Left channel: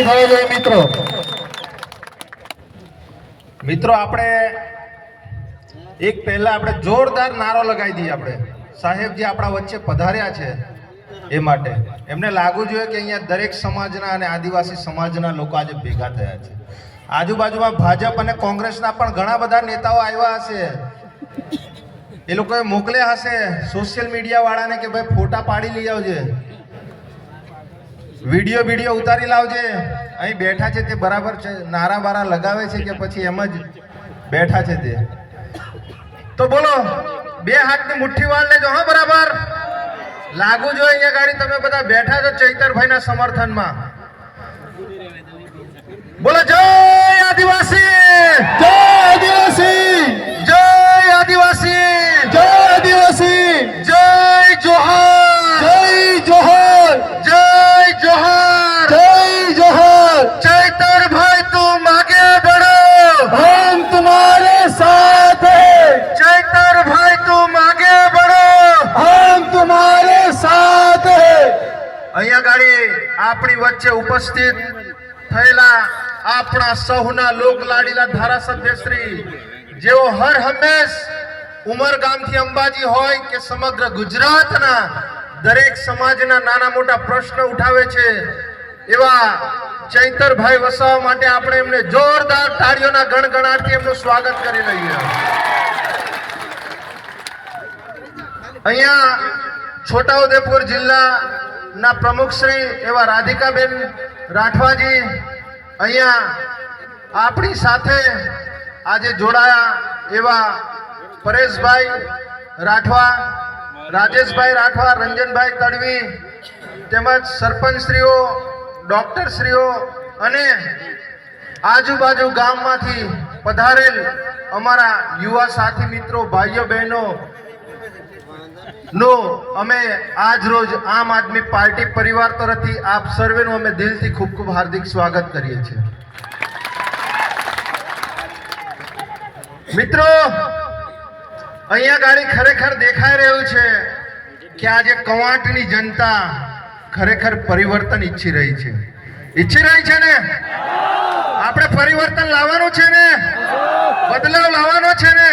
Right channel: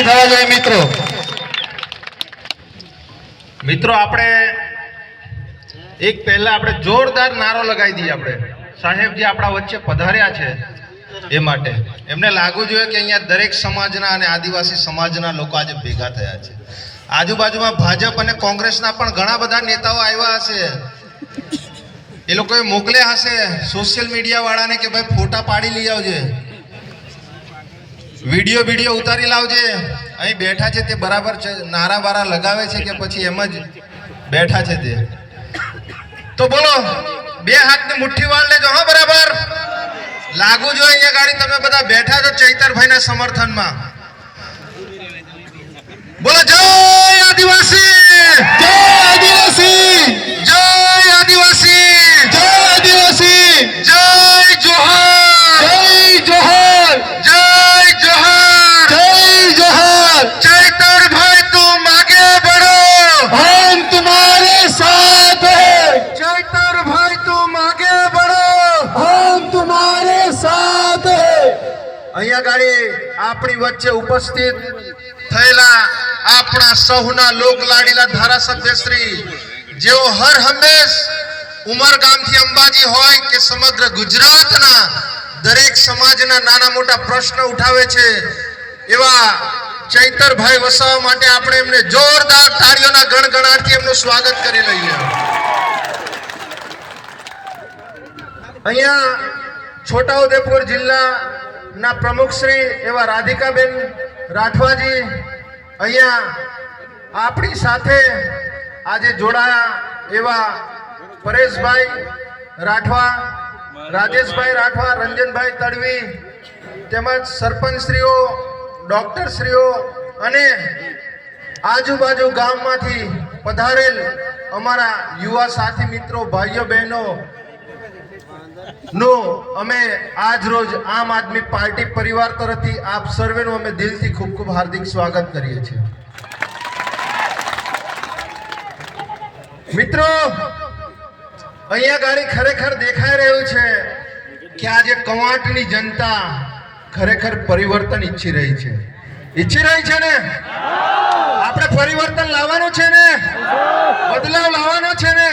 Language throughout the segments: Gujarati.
મિત્રો મિત્રો આપણે એક પહેલા આપણે જોરદાર નારો લગાવી દઈએ આપણે સાહેબજી આપણા વચ્ચે પધાર્યા છે એ માટે એમને લાગવું જોઈએ કે અહીંયા દરેક સમાજના અને આદિવાસી સમાજના લોકો આજે ભેગા થયા છે આજુબાજુમાં ભાજપ અને કોંગ્રેસના પણ ઘણા બધા નેતાઓ આવ્યા હશે એ લોકોએ મોકલ્યા હશે સોશિયલ મીડિયા વાળાને કે ભાઈ ફોટા પાડી લઈ આવજે વિડીયો ઉતારી લાવજે અહીં બેઠા છે તે બરાબર નારા બારા લગાવે છે કે પછી એમ જ બેઠા છે તે તો બોલો બે હાથની મુઠ્ઠી વાળ લેજો હા બરાબર લાગુ જોઈએ અહીંયા ગાડી તમે બધા બેઠા છો ચૈતરભાઈના સમર્થનમાં બોલો જય આદિવાસી જય આદિવાસી જય આદિવાસી જય આદિવાસી જય જોહાર જય જોહાર જય जोहार जय जोहार चैतर भाई तुम आगे बढ़ो हम तुम्हारे साथ हैं चैतर भाई तुम आगे बढ़ो हम तुम्हारे साथ हैं અહીંયા ગાડી આપણી વચ્ચે ઉપસ્થિત થયેલા આપણા સૌના લોક લાડીલા ધારાસભ્ય શ્રી જેઓ હર હંમેશ ઉમરગામથી અંબાજી હોય કે સમગ્ર ગુજરાતના દરેક સમાજના નાના મોટા પ્રશ્નો ઉઠાવે છે એવા ચૈતરભાઈ વસાવા માટે આપણે એમને જોરદાર તાળીઓના ગણગણાટથી એમનું સ્વાગત કરી લઈએ અહીંયા છોટાઉદેપુર જિલ્લાના પ્રમુખ શ્રી એવા રાધિકાબેન રાઠવાજી અહીંયા આપણી સાથે આજે જોડાયા એવા પરેશભાઈ રાઠવા રાજેશભાઈ રાઠવા રંજનભાઈ તડવી તેમજ સરપંચશ્રીઓ ડોક્ટરશ્રીઓ અને આજુબાજુ ગામમાંથી પધારેલ અમારા યુવા સાથી મિત્રો ભાઈઓ બહેનો નો અમે આજ રોજ આમ આદમી પાર્ટી પરિવાર તરફથી આપ સર્વેનું અમે દિલથી ખૂબ ખૂબ હાર્દિક સ્વાગત કરીએ છીએ મિત્રો અહીંયા ગાડી ખરેખર દેખાઈ રહ્યું છે કે આજે કવાંટની જનતા ખરેખર પરિવર્તન ઈચ્છી રહી છે ને આપણે પરિવર્તન લાવવાનું છે ને બદલાવ લાવવાનો છે ને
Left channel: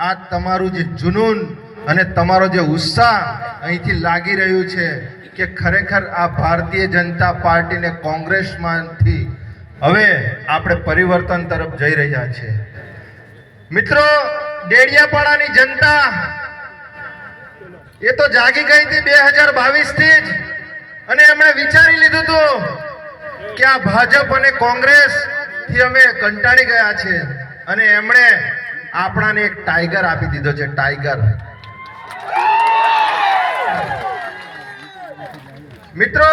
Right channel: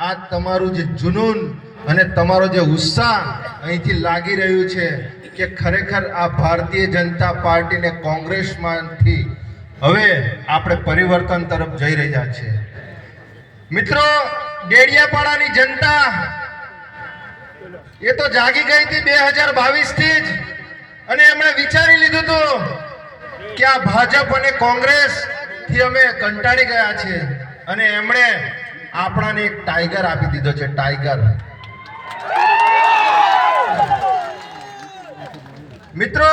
આ તમારું જે જુનૂન અને તમારો જે ઉત્સાહ અહીંથી લાગી રહ્યું છે કે ખરેખર આ ભારતીય જનતા પાર્ટી ને કોંગ્રેસમાંથી હવે આપણે પરિવર્તન તરફ જઈ રહ્યા છે મિત્રો ડેડિયાપાડાની જનતા એ તો જાગી ગઈ હતી 2022 થી જ અને એમણે વિચારી લીધું હતું કે આ ભાજપ અને કોંગ્રેસ થી અમે કંટાળી ગયા છે અને એમણે આપણાને એક ટાઈગર આપી દીધો છે ટાઈગર મિત્રો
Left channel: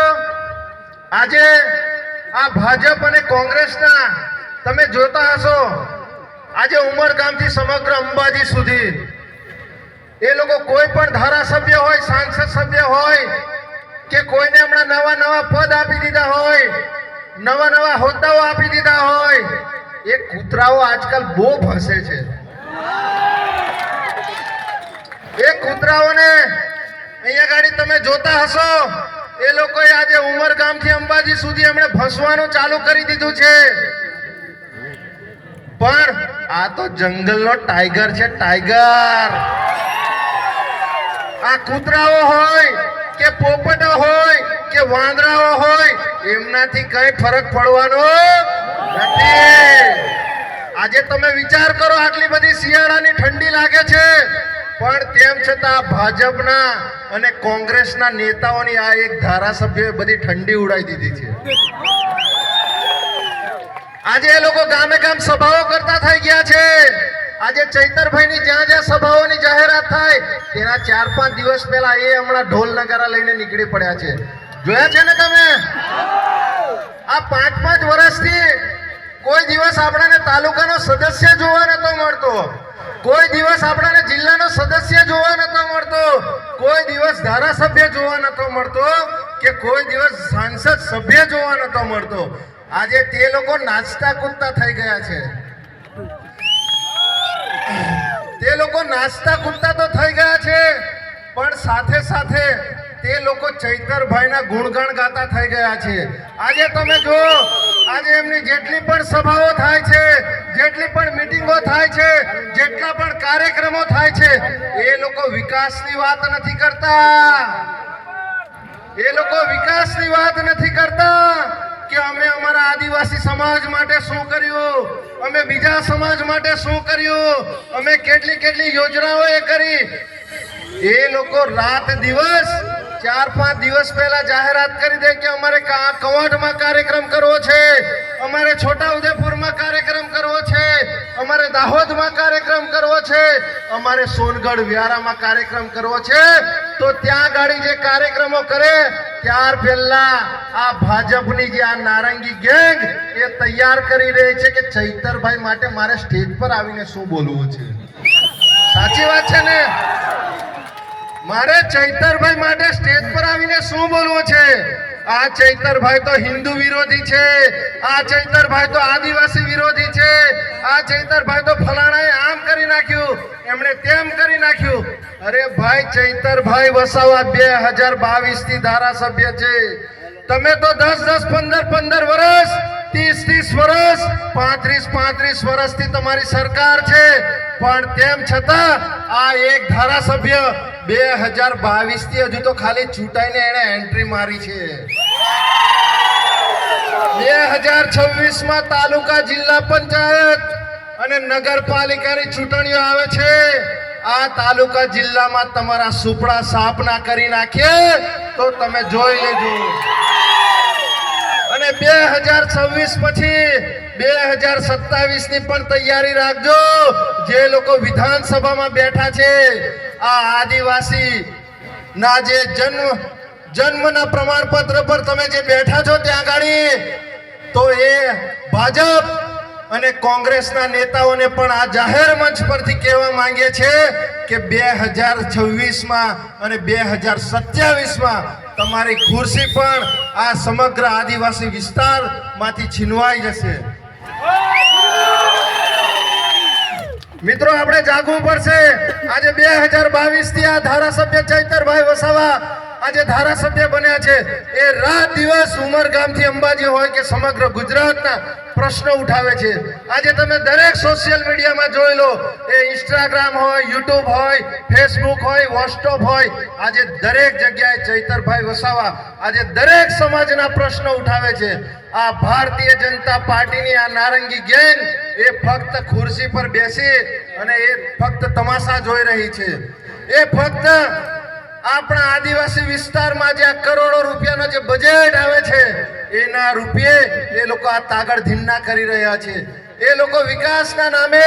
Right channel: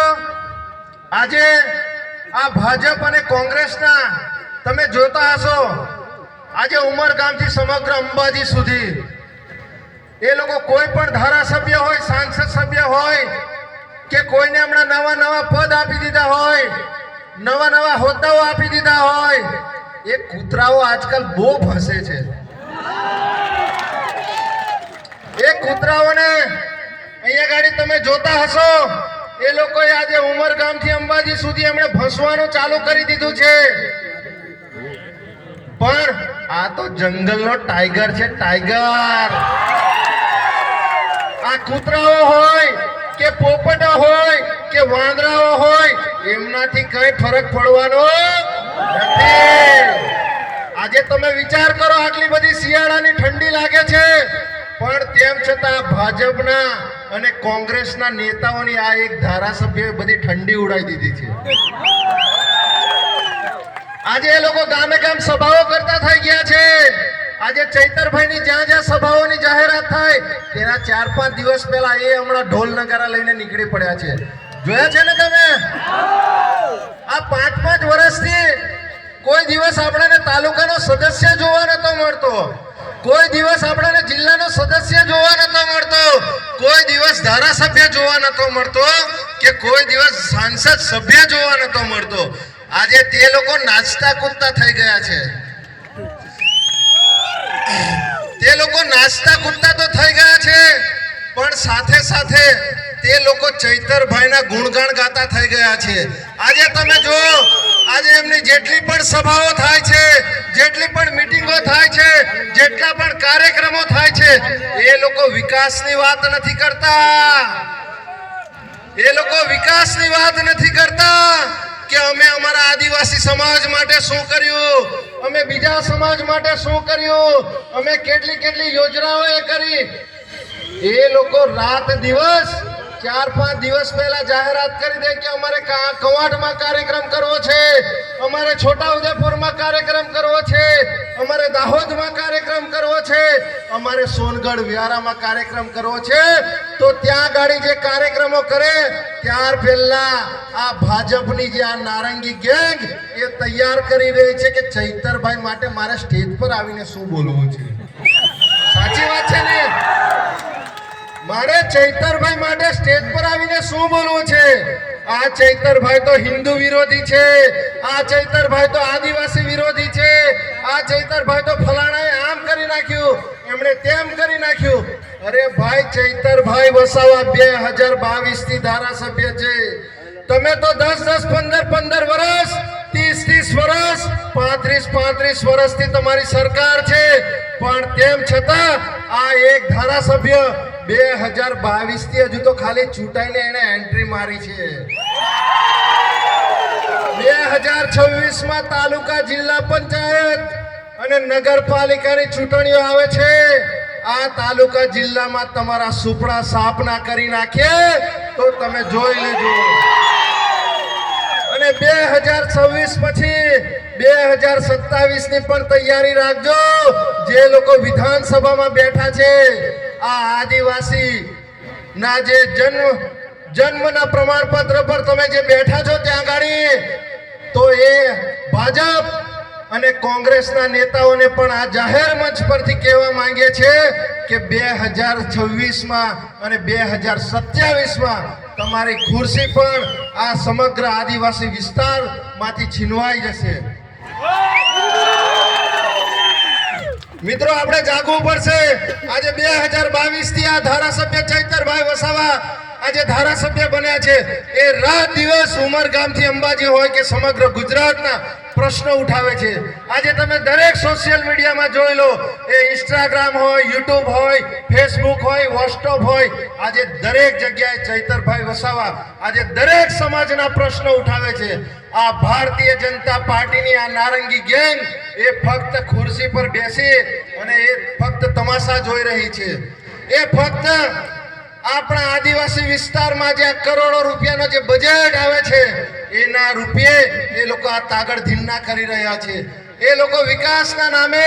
આજે આ ભાજપ અને કોંગ્રેસના તમે જોતા હશો આજે ઉમરગામથી સમગ્ર અંબાજી સુધી એ લોકો કોઈ પણ ધારાસભ્ય હોય સાંસદ સભ્ય હોય કે કોઈને હમણાં નવા પદ આપી દીધા હોય નવા હોદ્દાઓ આપી દીધા હોય એ કૂતરાઓ આજકાલ બહુ ફસે છે એ કૂતરાઓને અહીંયા ગાડી તમે જોતા હશો એ લોકોએ આજે ઉમરગામથી અંબાજી સુધી એમણે ફસવાનું ચાલુ કરી દીધું છે પણ આ તો જંગલનો ટાઈગર છે ટાઈગર આ કૂતરાઓ હોય કે પોપટો હોય કે વાંદરાઓ હોય એમનાથી કઈ ફરક પડવાનો નથી આજે તમે વિચાર કરો આટલી બધી શિયાળાની ઠંડી લાગે છે પણ તેમ છતાં ભાજપના અને કોંગ્રેસના નેતાઓની આ એક ધારાસભ્યોએ બધી ઠંડી ઉડાવી દીધી છે આજે એ લોકો ગામે ગામ સભાઓ કરતા થઈ ગયા છે આજે ચૈતરભાઈની જ્યાં સભાઓની જાહેરાત થાય તેના 4-5 દિવસ પહેલા એ હમણાં ઢોલ નગારા લઈને નીકળી પડ્યા છે જોયા છે ને તમે આ 5-5 વર્ષથી કોઈ દિવસ આપણાને તાલુકાનો સદસ્ય જોવા નતો મળતો કોઈ દિવસ આપણાને જિલ્લાનો સદસ્ય જોવા નતો મળતો કોઈ દિવસ ધારાસભ્ય જોવા નતો મળતો કે કોઈ દિવસ સાંસદ સભ્ય જોવા નતો મળતો આજે તે લોકો નાચતા કૂદતા થઈ ગયા છે તે લોકો નાચતા કૂદતા તો થઈ ગયા છે પણ સાથે સાથે તે લોકો ચૈતરભાઈના ગુણગાન ગાતા થઈ ગયા છે. આજે તમે જુઓ, આજે એમની જેટલી પણ સભાઓ થાય છે, જેટલી પણ મીટિંગો થાય છે, જેટલા પણ કાર્યક્રમો થાય છે, એ લોકો વિકાસની વાત નથી કરતા. એ લોકો વિકાસની વાત નથી કરતા કે અમે અમારા આદિવાસી સમાજ માટે શું કર્યું, અમે બીજા સમાજ માટે શું કર્યું, અમે કેટલી કેટલી યોજનાઓ એ કરી. એ લોકો રાત દિવસ 4-5 દિવસ પહેલા જાહેરાત કરી દે કે અમારે કવાંટમાં કાર્યક્રમ કરવો છે, અમારે છોટાઉદેપુરમાં કાર્યક્રમ કરવો છે, અમારે દાહોદમાં કાર્યક્રમ કરવો છે, અમારે સોનગઢ વ્યારામાં કાર્યક્રમ કરવો છે. તો ત્યાં ગાડી જે કાર્યક્રમો કરે ત્યાર પહેલા આ ભાજપની જે આ નારંગી ગેંગ એ તૈયાર કરી રહી છે કે ચૈતરભાઈ માટે મારે સ્ટેજ પર આવીને શું બોલવું છે. સાચી વાત છે ને? મારે ચૈતરભાઈ માટે સ્ટેજ પર આવીને શું બોલવું છે? આ ચૈતરભાઈ તો હિન્દુ વિરોધી છે, આ ચૈતરભાઈ તો આદિવાસી વિરોધી છે, આ ચૈતરભાઈ તો ફલાણાએ આમ કરી નાખ્યું, એમણે તેમ કરી નાખ્યું. અરે ભાઈ, ચૈતરભાઈ વસાવા 2022 થી ધારાસભ્ય છે. તમે તો 10-10, 15-15 વર્ષ, 30-30 વર્ષ, 35-35 વર્ષથી તમારી સરકાર છે, પણ તેમ છતાં આ એક ધારાસભ્ય 2022 થી હજુ તો ખાલી ચૂંટાઈને એને એન્ટ્રી મારી છે. 2026 માં તાલુકા, જિલ્લા પંચાયત અને નગરપાલિકાની ચૂંટણીઓ આવે છે. આ તાલુકા જિલ્લામાં તમારા સુપડા સાફ ના કરી નાખીએ તો તમે જોઈ લેજો. અને 2026 પછી 2027 ની પણ તૈયારી રાખજો. જે લોકો વિધાનસભામાં બેઠા છે, આ આદિવાસી ના જે જન્મના પ્રમાણપત્ર પર તમે જે બેઠા છો ત્યાં ગાડી, તો એ ભાજપ અને કોંગ્રેસના નેતાઓને પણ આ જાહેર મંચ પરથી કહેવા માંગે છે કે 2026 માં અને 2027 માં તમારી ખુરશી પણ આ સમગ્ર આદિવાસી વિસ્તારમાંથી છીનવાઈ જશે. મિત્રો, આપણે જાગવું પડશે. આજે 2022 થી આ ધારાસભ્ય ચૈતરભાઈ વસાવા આજે ધારાસભ્ય બન્યા છે. એ રાત દિવસ ઉમરગામથી અંબાજી હોય કે સમગ્ર ગુજરાતના પ્રશ્નો ઉઠાવે છે. આજે તમે દરેક સોશિયલ મીડિયામાં જોઈ લો, એ ઇન્સ્ટાગ્રામ હોય, યુટ્યુબ હોય, ફેસબુક હોય, વોટ્સઅપ હોય, આજે દરેક જગ્યાએ ચૈતરભાઈ વસાવા આજે દરેક સમાજના પ્રશ્નો ઉઠાવે છે. આ ભારતીય જનતા પાર્ટીની આ નારંગી ગેંગ એ ફક્ત ખુરશી પર બેસી અને એ ફક્ત તમાશા જોઈ રહી છે. એ ફક્ત આપણા આદિવાસી વિસ્તારમાં જે કરોડો રૂપિયાનો જે બજેટ આવે છે એના રૂપિયે એ લોકો આ તાગડ ધીન્ના કરી રહ્યા છે. એ લોકો વિકાસના નામે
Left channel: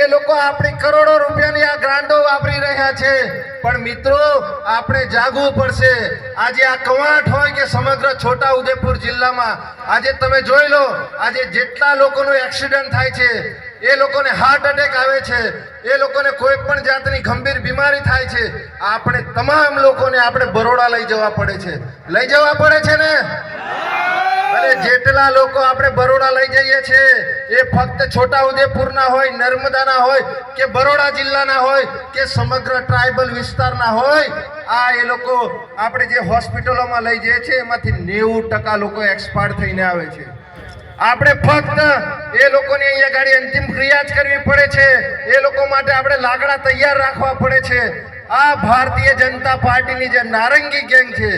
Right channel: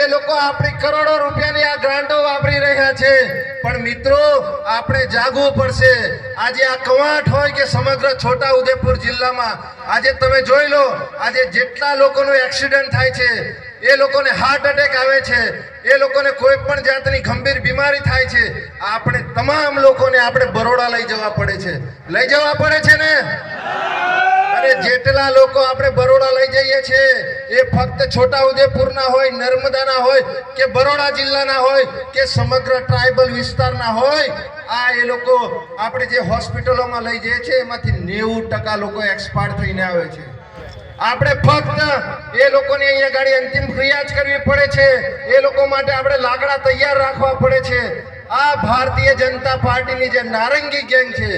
એ લોકો આપણી કરોડો રૂપિયાની આ ગ્રાન્ટો વાપરી રહ્યા છે. પણ મિત્રો, આપણે જાગવું પડશે. આજે આ કવાંટ હોય કે સમગ્ર છોટાઉદેપુર જિલ્લામાં આજે તમે જોઈ લો, આજે જેટલા લોકોનો એક્સિડન્ટ થાય છે, એ લોકોને હાર્ટ એટેક આવે છે, એ લોકોને કોઈ પણ જાતની ગંભીર બીમારી થાય છે, આપણે તમામ લોકોને આપણે બરોડા લઈ જવા પડે છે. લઈ જવા પડે છે ને? અને જેટલા લોકો આપણે બરોડા લઈ જઈએ છીએ એ ફક્ત છોટાઉદેપુરના હોય, નર્મદાના હોય કે બરોડા જિલ્લાના હોય કે સમગ્ર ટ્રાઇબલ વિસ્તારના હોય. આ એ લોકો આપણે જે હોસ્પિટલોમાં લઈ જઈએ છીએ એમાંથી 90% લોકો એક્સપાયર થઈને આવે છે. આપણે ફક્ત એ લોકોને અહીંયા ગાડી અંતિમ ક્રિયા જ કરવી પડે છે. એ લોકો માટે આપણે લાકડા તૈયાર રાખવા પડે છે. આ ભારતીય જનતા પાર્ટીની જે નારંગી ગેંગ છે,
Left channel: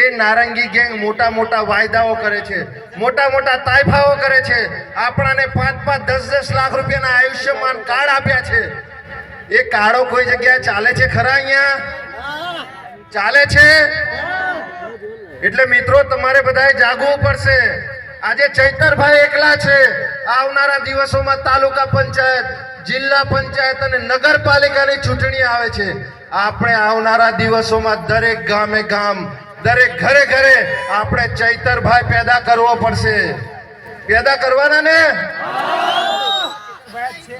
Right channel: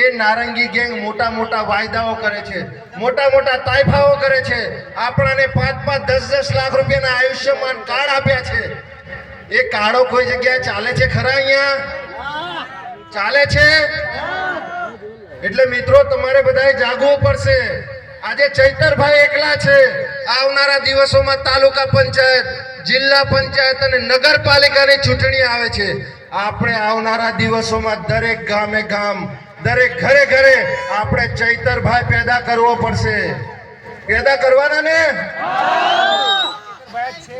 એ નારંગી ગેંગ મોટા મોટા વાયદાઓ કરે છે, મોટા મોટા તાઇફાઓ કરે છે. આપણાને 5-5, 10-10 લાખ રૂપિયાના આયુષ્યમાન કાર્ડ આપ્યા છે. એ કાર્ડો કોઈ જગ્યાએ ચાલે છે ખરા? અહીંયા ચાલે છે? એટલે મિત્રો, તમારે બધાએ જાગવું પડશે. આજે ચૈતરભાઈ એકલા છે. આવનારા દિવસોમાં તાલુકા પંચાયત, જિલ્લા પંચાયત અને નગરપાલિકાની ચૂંટણી આવે છે. આપણે આવનારા દિવસોમાં દરેક ગામે ગામ, દરેક ઘરે ઘરે આપણે ચૈતરભાઈ પેદા કરવો પડશે. પેદા કરવાના ને?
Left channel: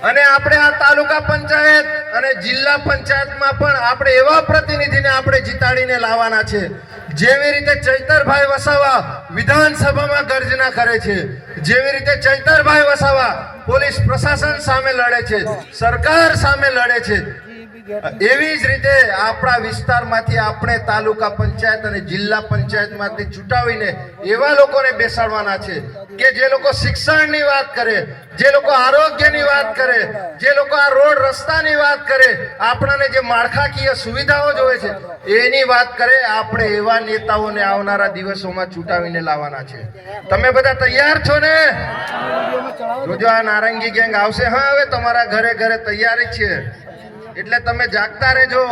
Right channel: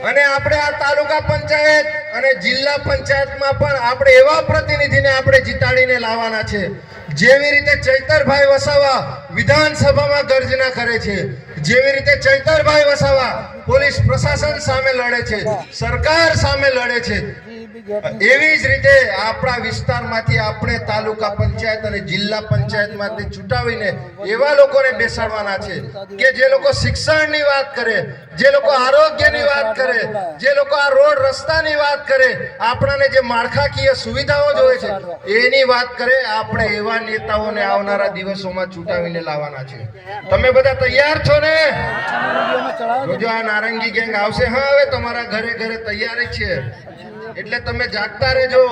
અને આપણે આ તાલુકા પંચાયત અને જિલ્લા પંચાયતમાં પણ આપણે એવા પ્રતિનિધિને આપણે જીતાડીને લાવવાના છે. જેવી રીતે ચૈતરભાઈ વસાવા વિધાનસભામાં ગર્જના કરે છે, જેવી રીતે ચૈતરભાઈ વસાવા પોલીસ પ્રશાસન સામે લડે છે, સરકાર સામે લડે છે, એવી જ રીતે આપણા વિસ્તારમાંથી આપણે તાલુકા પંચાયત અને જિલ્લા પંચાયતમાંથી ચૂંટાવીને એવા લોકોને બેસાડવાના છે કે જે લોકો શિક્ષણની વાત કરે, જે લોકો આરોગ્યની વાત કરે, જે લોકો આ રોડ રસ્તાની વાત કરે, આપણાને જે માળખાકીય સુવિધાઓ જોઈએ છે એની વાત કરે. આપણે એવા નેતાઓને આવનારા દિવસોમાં ચૂંટાવીને લાવવાના છે. તમે બધા તૈયાર છો ને? જો આ નારંગી ગેંગ આવશે, હા, હવે તમારા ઘરે ઘરે તૈયારી છે, એટલે તમે જાગતા રહેજો.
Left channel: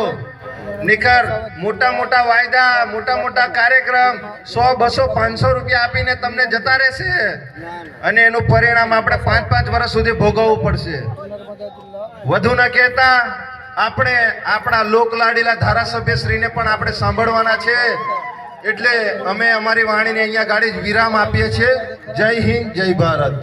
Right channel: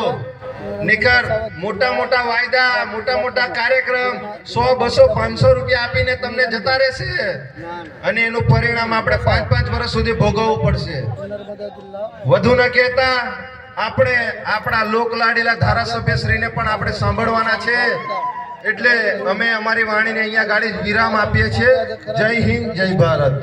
નિકર મોટા મોટા વાયદા, મોટા મોટા કાર્યક્રમ 100, 200, 500 રૂપિયા આપીને તમને જતા રહેશે અને એનું પરિણામ આપણે 5-5 વર્ષ સુધી ભોગવવું પડશે. વધુ ન કહેતા આપણે આપણા લોકલાડીલા ધારાસભ્યશ્રીને પણ આપણે સાંભળવાના છે. એટલે અમે અમારી વાણીને અહીંયા ગાડી વિરામ આપીએ છીએ. જય હિન્દ, જય ભારત.